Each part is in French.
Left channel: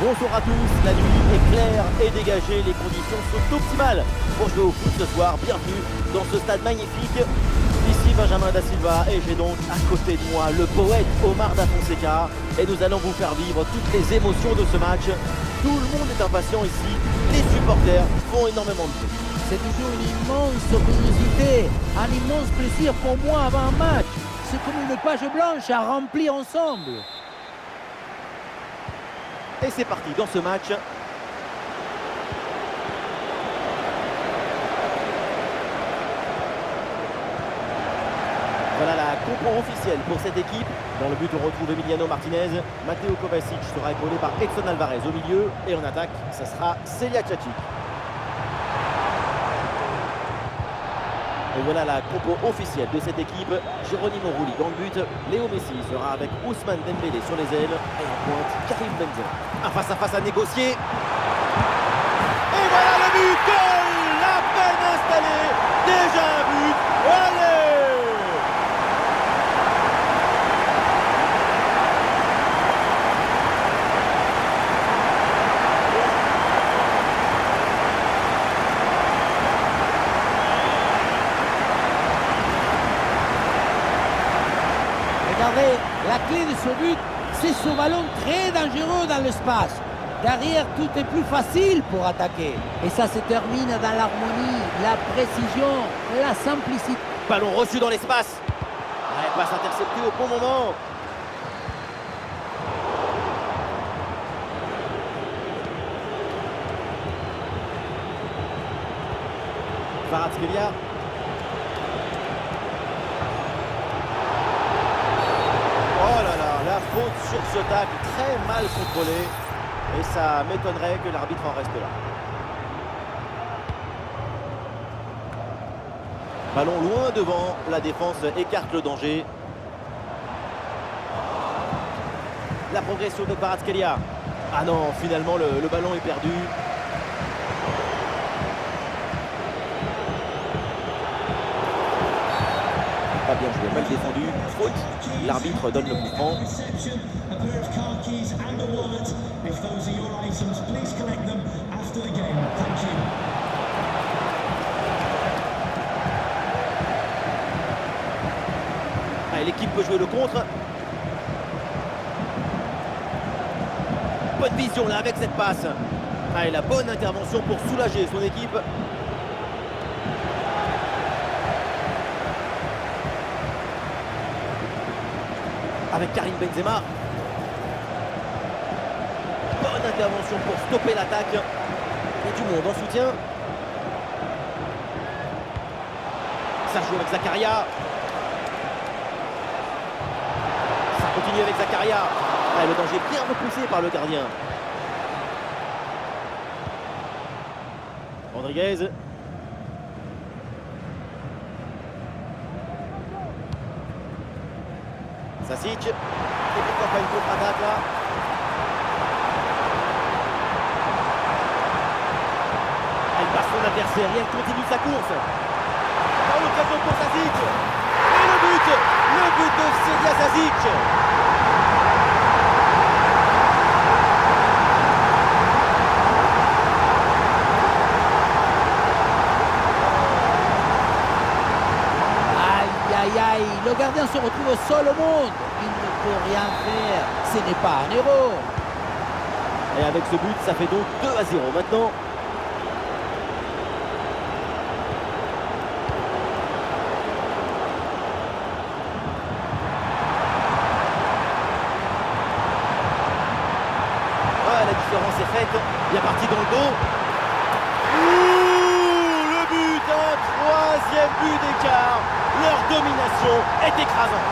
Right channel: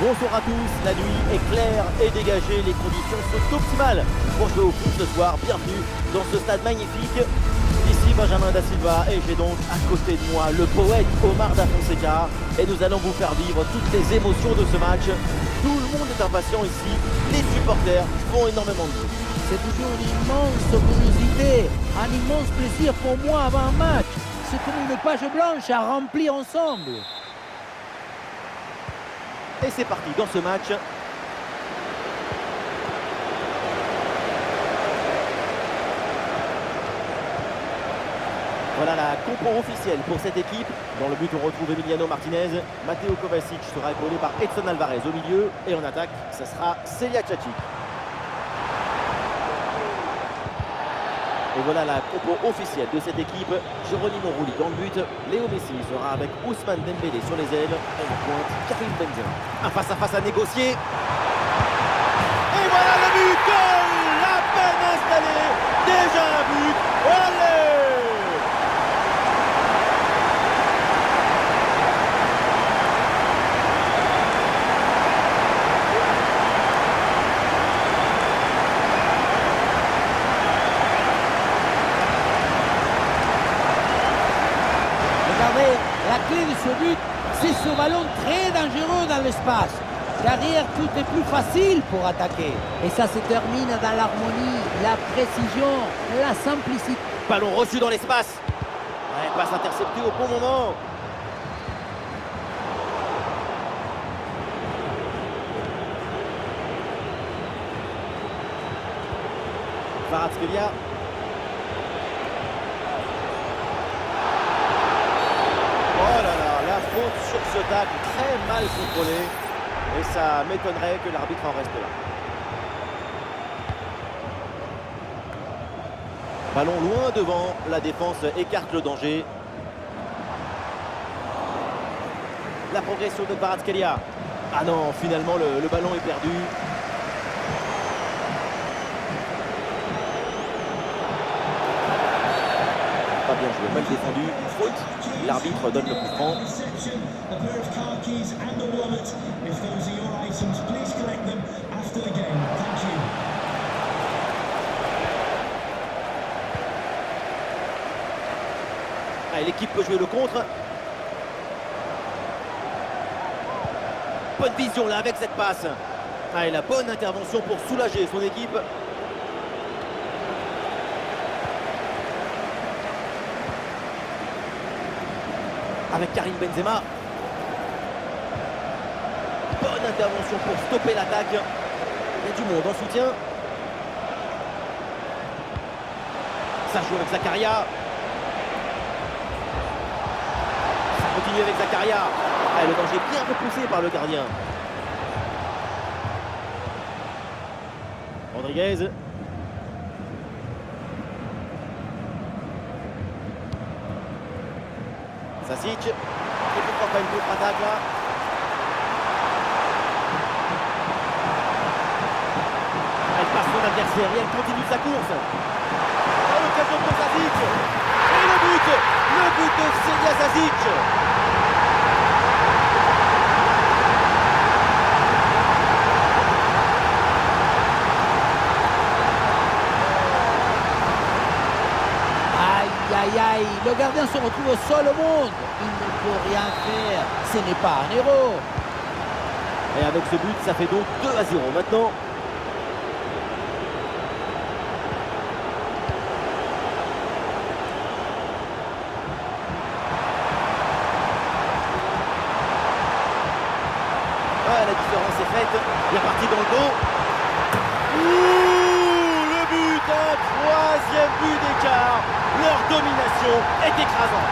Bonsoir à tous, la nuit est claire et dégagée, les conditions sont optimales pour jouer au foot ce soir. Bienvenue dans ce stade magnifique. Ici Benjamin Da Silva et j'ai donc à côté de moi le poète Omar Da Fonseca et nous allons vous faire vivre toutes les émotions de ce match. Tout le monde est impatient ici, les supporters font énormément de bruit. C'est toujours une immense curiosité, un immense plaisir pour moi avant un match. C'est comme une page blanche à remplir ensemble. Et c'est parti dans ce match. Voilà la compo officielle pour cette équipe. Dans le but, on retrouve Emiliano Martinez. Matteo Kovacic sera épaulé par Edson Alvarez au milieu. Et en attaque, ça sera Celia Tchacic. Et voilà la compo officielle de cette équipe. Geronimo Rulli dans le but. Léo Messi sera avec Ousmane Dembélé sur les ailes. Et en pointe, Karim Benzema. Un face-à-face à négocier. Et voilà le but. Goal. La peine installée. Déjà un but. Allez. Regardez, la clé de ce but, c'est ce ballon très dangereux dans l'espace. Derrière, tout est plus facile pour attaquer. Et ça se termine dans l'harmonie, la précision, la simplicité. Ballon reçu dans l'espace. Ouais, passe interceptée au bon moment. Kvaratskhelia. Oh là là, la faute sur ce tacle, très mal contrôlé. Et ça m'étonnerait que l'arbitre en reste là. Ballon loin devant, la défense écarte le danger. La progression de Kvaratskhelia. Ah non, finalement le ballon est perdu. Pas bien joué, mal défendu, faute. L'arbitre donne le coup franc. Allez, l'équipe peut jouer le contre. Bonne vision là avec cette passe. Allez, la bonne intervention pour soulager son équipe. Avec Karim Benzema. Bonne intervention pour stopper l'attaque. Il y a du monde en soutien. Ça joue avec Zakaria. Ça continue avec Zakaria. Ah, le danger bien repoussé par le gardien. Rodriguez. Sasic, et pourquoi pas une contre-attaque là. Elle passe son adversaire et elle continue sa course. Dans l'occasion pour Sasic. Et le but de Celia Sasic. Aïe, aïe, aïe, le gardien se retrouve seul au monde. Il ne peut rien faire. Ce n'est pas un héros. Et avec ce but, ça fait donc 2-0 maintenant. Ah, la différence est faite. Bien parti dans le dos. Ouh, le but, un troisième but d'écart. Leur domination est écrasante.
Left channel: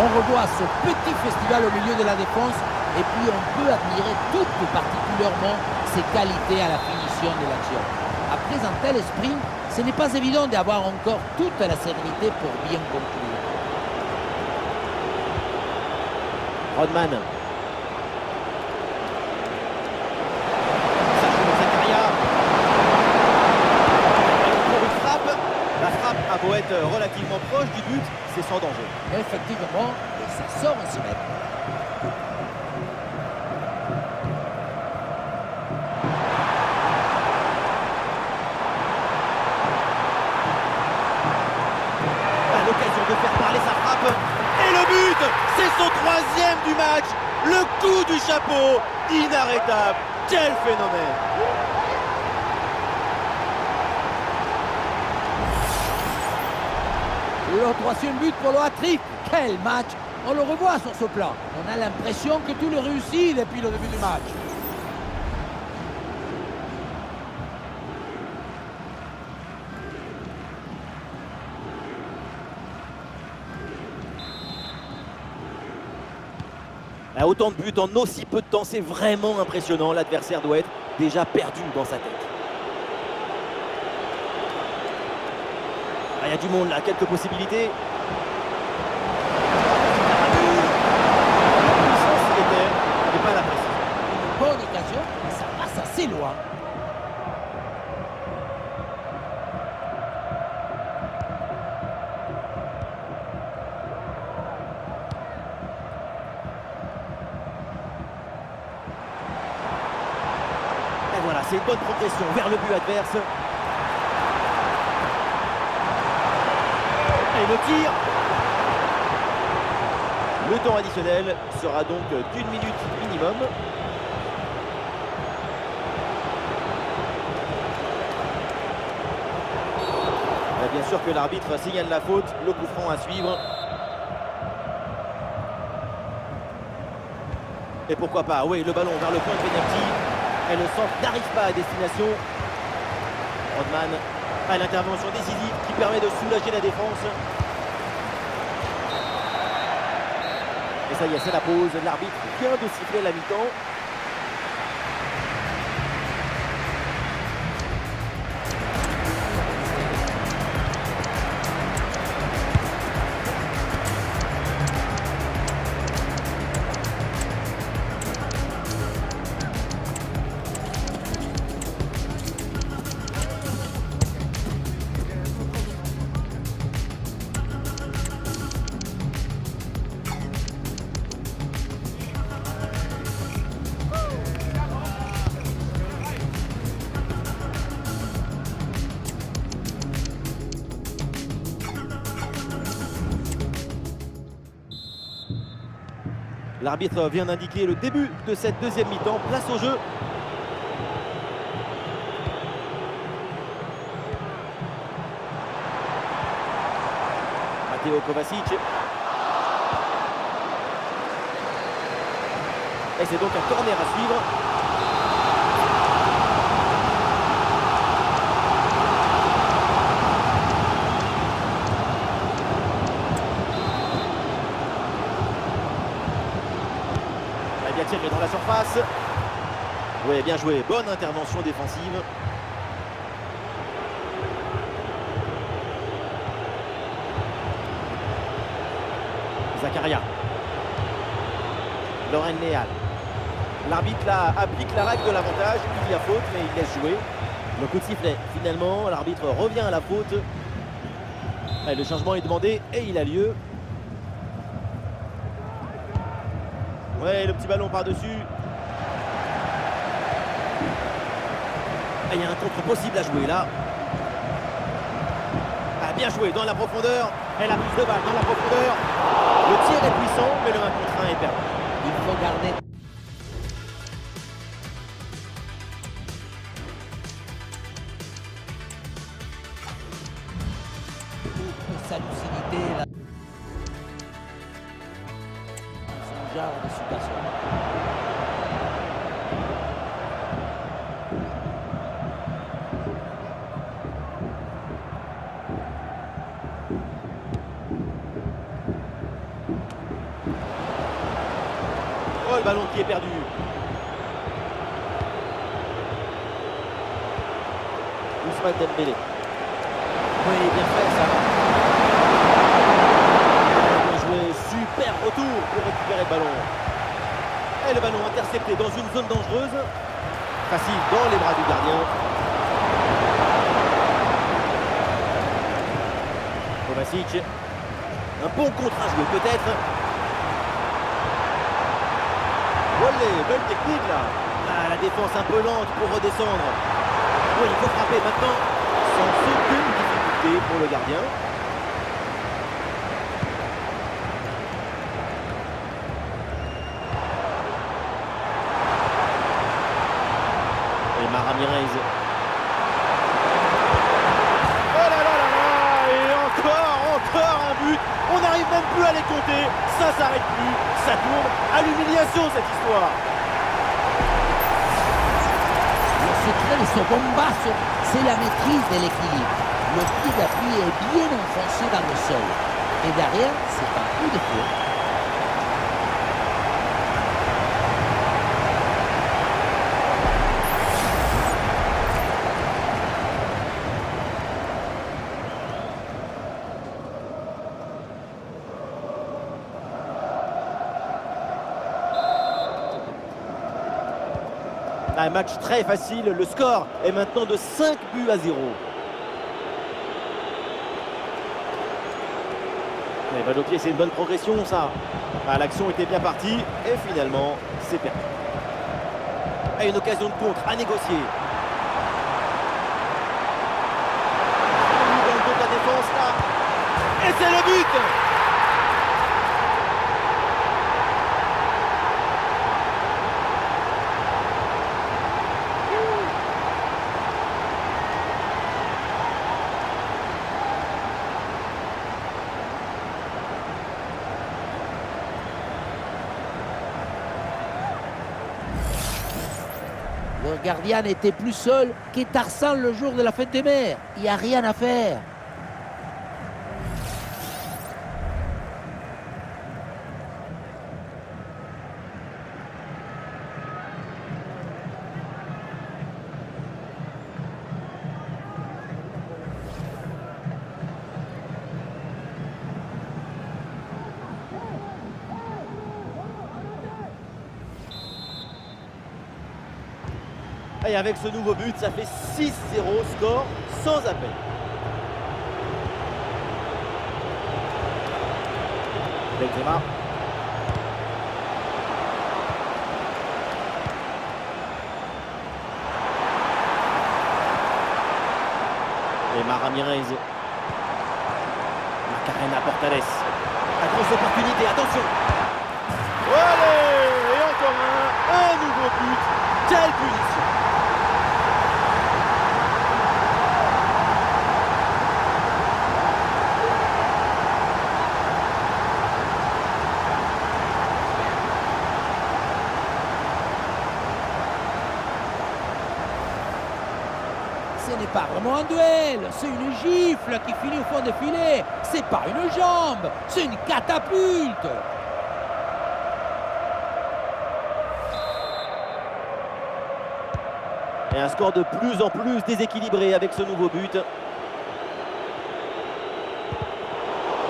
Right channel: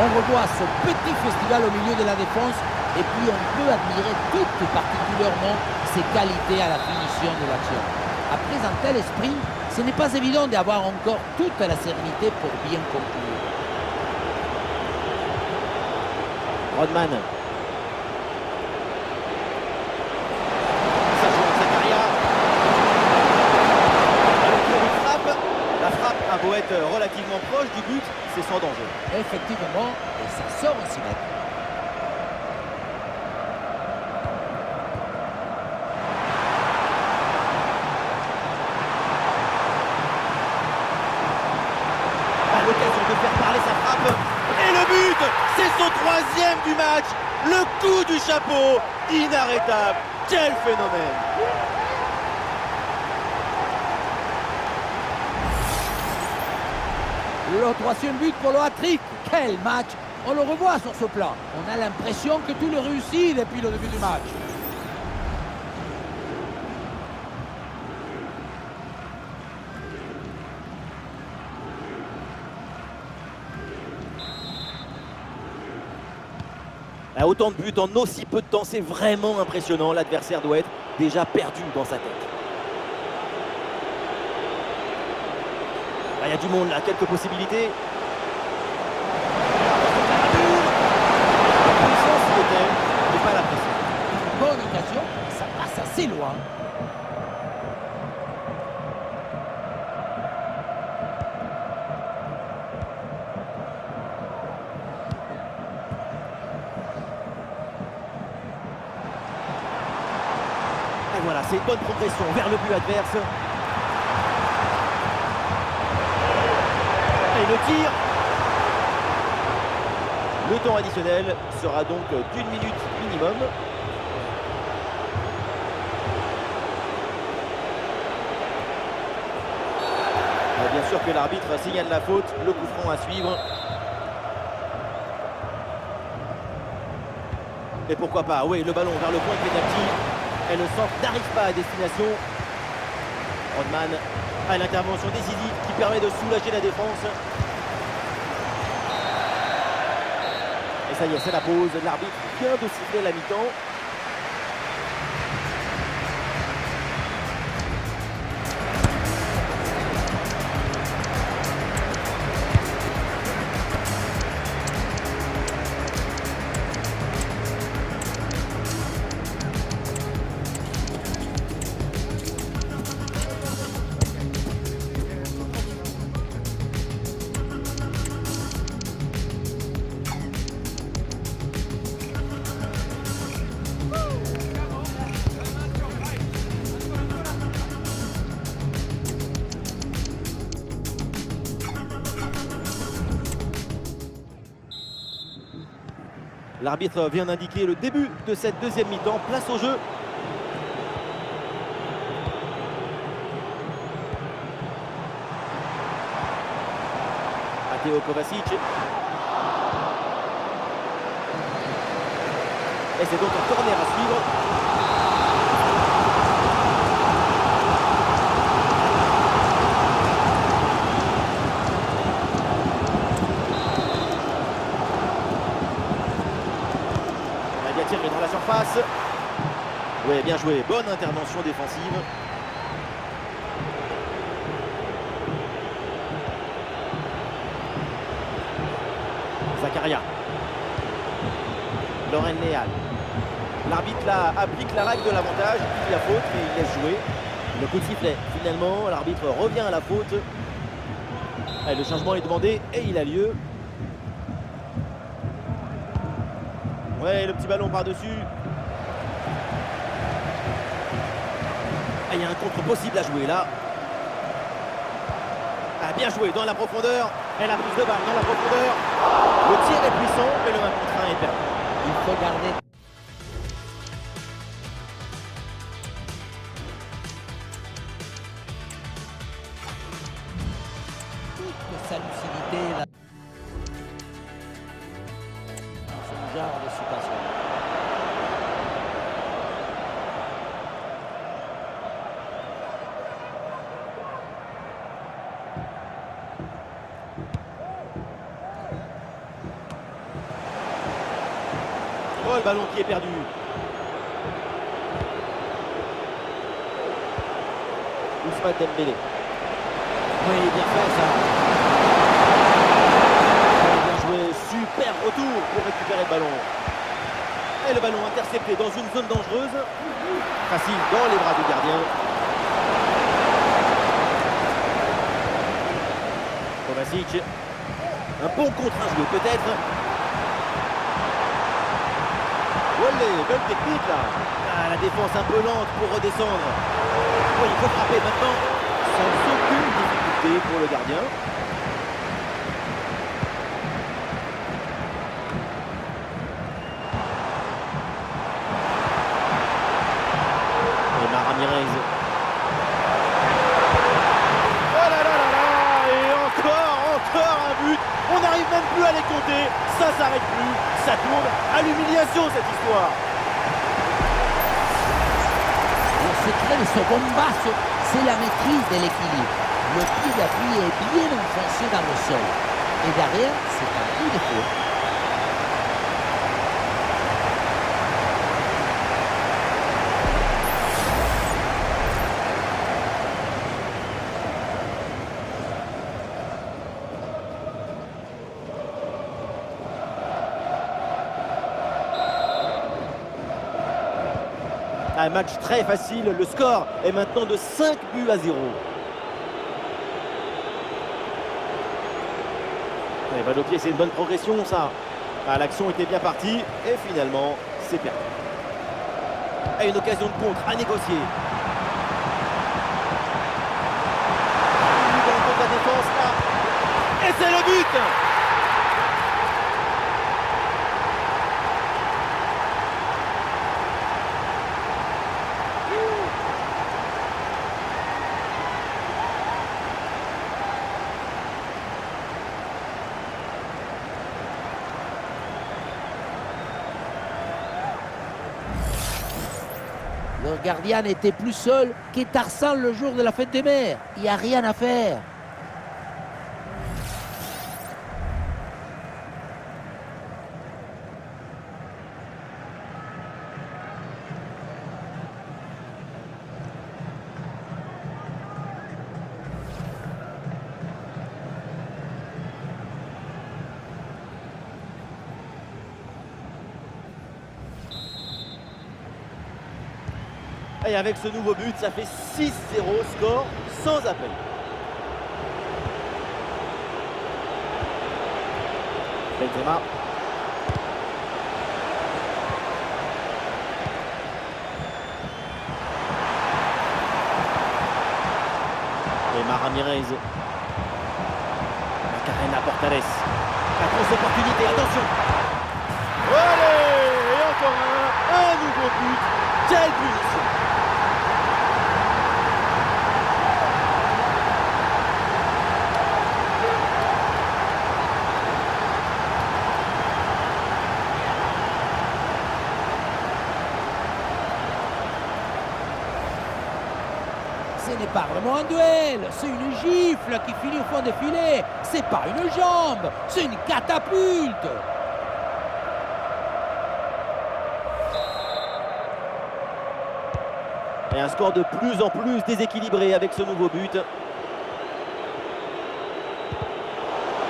On revoit ce petit festival au milieu de la défense et puis on peut admirer toutes particulièrement ses qualités à la finition de l'action. Après un tel sprint, ce n'est pas évident d'avoir encore toute la sérénité pour bien conclure. Rodman. Ça joue avec Zakaria. Ballon pour une frappe. La frappe a beau être relativement proche du but, c'est sans danger. Effectivement, et ça sort un 6 mètres. À l'occasion de faire parler sa frappe. Et le but, c'est son 3e du match. Le coup du chapeau, inarrêtable. Quel phénomène! Le 3e but pour le hat-trick. Quel match! On le revoit sur ce plan. On a l'impression que tout le réussit depuis le début du match. Autant de buts en aussi peu de temps, c'est vraiment impressionnant. L'adversaire doit être déjà perdu dans sa tête. Il y a du monde là, quelques possibilités. La puissance y était, mais pas la précision. Une bonne occasion, mais ça passe assez loin. Et voilà, c'est une bonne progression vers le but adverse. Et le tir. Le temps additionnel sera donc d'1 minute minimum. Bien sûr que l'arbitre signale la faute, le coup franc à suivre. Et pourquoi pas, oui, le ballon vers le point de pénalty. Et le centre n'arrive pas à destination. Rodman à l'intervention décisive qui permet de soulager la défense. Et ça y est, c'est la pause. L'arbitre vient de siffler la mi-temps. L'arbitre vient d'indiquer le début de cette deuxième mi-temps. Place au jeu. Matteo Kovacic. Et c'est donc un corner à suivre. Il a tiré dans la surface. Oui, bien joué. Bonne intervention défensive. Zakaria. Loren Leal. L'arbitre là applique la règle de l'avantage. Il y a faute, mais il laisse jouer. Le coup de sifflet. Finalement, l'arbitre revient à la faute. Et le changement est demandé et il a lieu. Ouais, le petit ballon par-dessus. Ah, il y a un contre possible à jouer là. Ah, bien joué dans la profondeur. Et la prise de balle dans la profondeur. Le tir est puissant, mais le 1 contre 1 est perdu. Il faut garder. Toute sa lucidité là. Ce genre de situation. Oh, le ballon qui est perdu. Ousmane Dembélé. Oui, bien fait ça. Bien joué, super retour pour récupérer le ballon. Et le ballon intercepté dans une zone dangereuse. Facile dans les bras du gardien. Kovacic. Un bon contre à jouer peut-être. Olé, belle technique là. Ah, la défense un peu lente pour redescendre. Oui, il faut frapper maintenant sans aucune difficulté pour le gardien. Et Ramirez. Oh là là là là. Et encore un but. On n'arrive même plus à les compter. Ça s'arrête plus. Ça tourne à l'humiliation cette histoire. Le secret de ce bombasso, c'est la maîtrise de l'équilibre. Le pied d'appui est bien enfoncé dans le sol. Et derrière, c'est un coup de feu. Un match très facile, le score est maintenant de 5 buts à 0. Et balle au pied, c'est une bonne progression ça. Ah, l'action était bien partie et finalement c'est perdu. Et une occasion de contre à négocier. Dans le dos de la défense là. Et c'est le but. Le gardien n'était plus seul que Tarzan le jour de la fête des mères. Il n'y a rien à faire. Et avec ce nouveau but, ça fait 6-0, score sans appel. Benzema. Et Ramirez. Macarena Portales. La grosse opportunité, attention. Allez, et encore un nouveau but. Quelle punition. Ce n'est pas vraiment un duel, c'est une gifle qui finit au fond des filets. C'est pas une jambe, c'est une catapulte. Et un score de plus en plus déséquilibré avec ce nouveau but.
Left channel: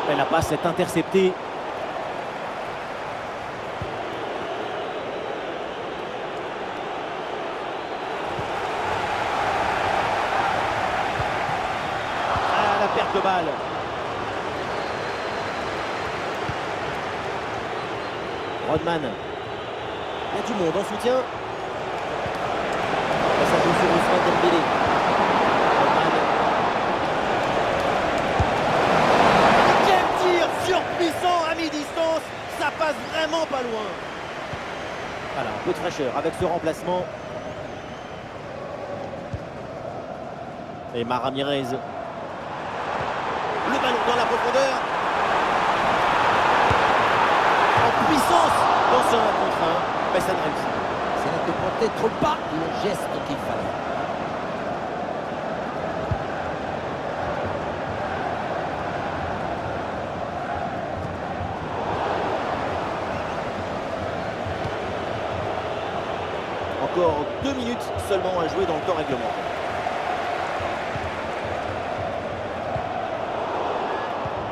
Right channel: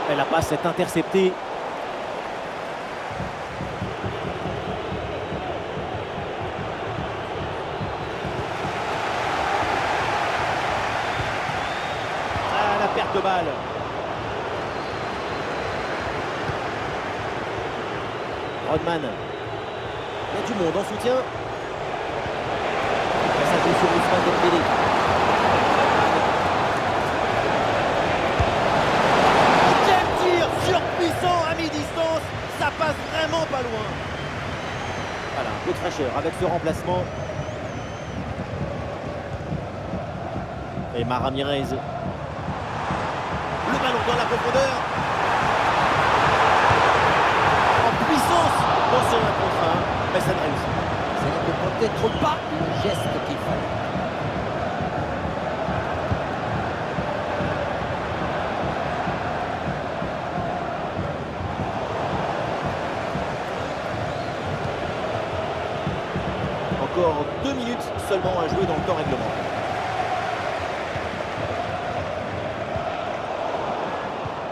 Et la passe est interceptée. Ah, la perte de balle. Rodman. Il y a du monde en soutien. Et ça joue sur Ousmane Dembélé. Rodman. Quel tir surpuissant à mi-distance. Ça passe vraiment pas loin. Voilà, un peu de fraîcheur avec ce remplacement. Et Ramirez. Le ballon dans la profondeur. En puissance dans ce 1 contre 1. Mais ça ne réussit pas. Ce n'était peut-être pas le geste qu'il fallait. Encore 2 minutes seulement à jouer dans le temps réglementaire.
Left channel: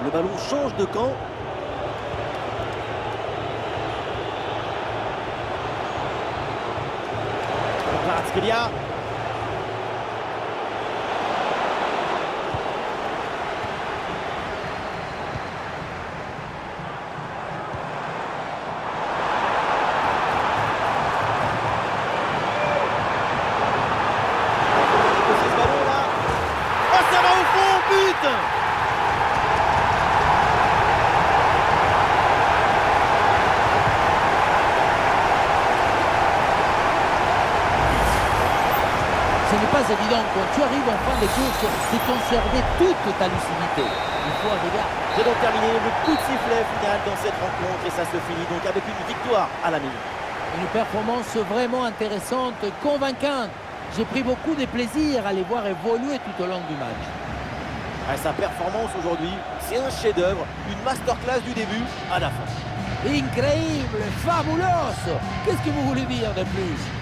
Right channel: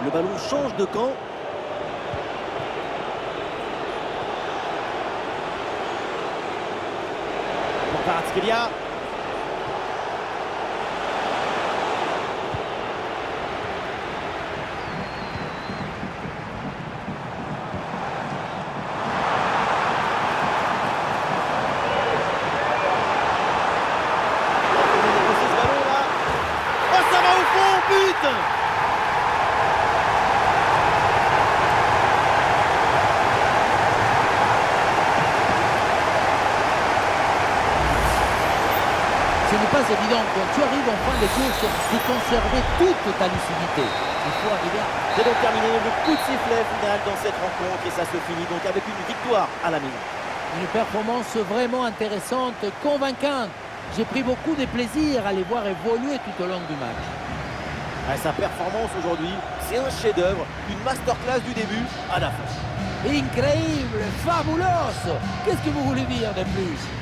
Le ballon change de camp. Pour Kvaratskhelia. Ce n'est pas évident quand tu arrives en fin de course de conserver toute ta lucidité. Il faut arriver à... C'est donc terminé le coup de sifflet final dans cette rencontre et ça se finit donc avec une victoire à la maison. Une performance vraiment intéressante, convaincante. J'ai pris beaucoup de plaisir à les voir évoluer tout au long du match. Sa performance aujourd'hui, c'est un chef-d'œuvre, une masterclass du début à la fin. Incroyable, fabuloso. Qu'est-ce que vous voulez dire de plus?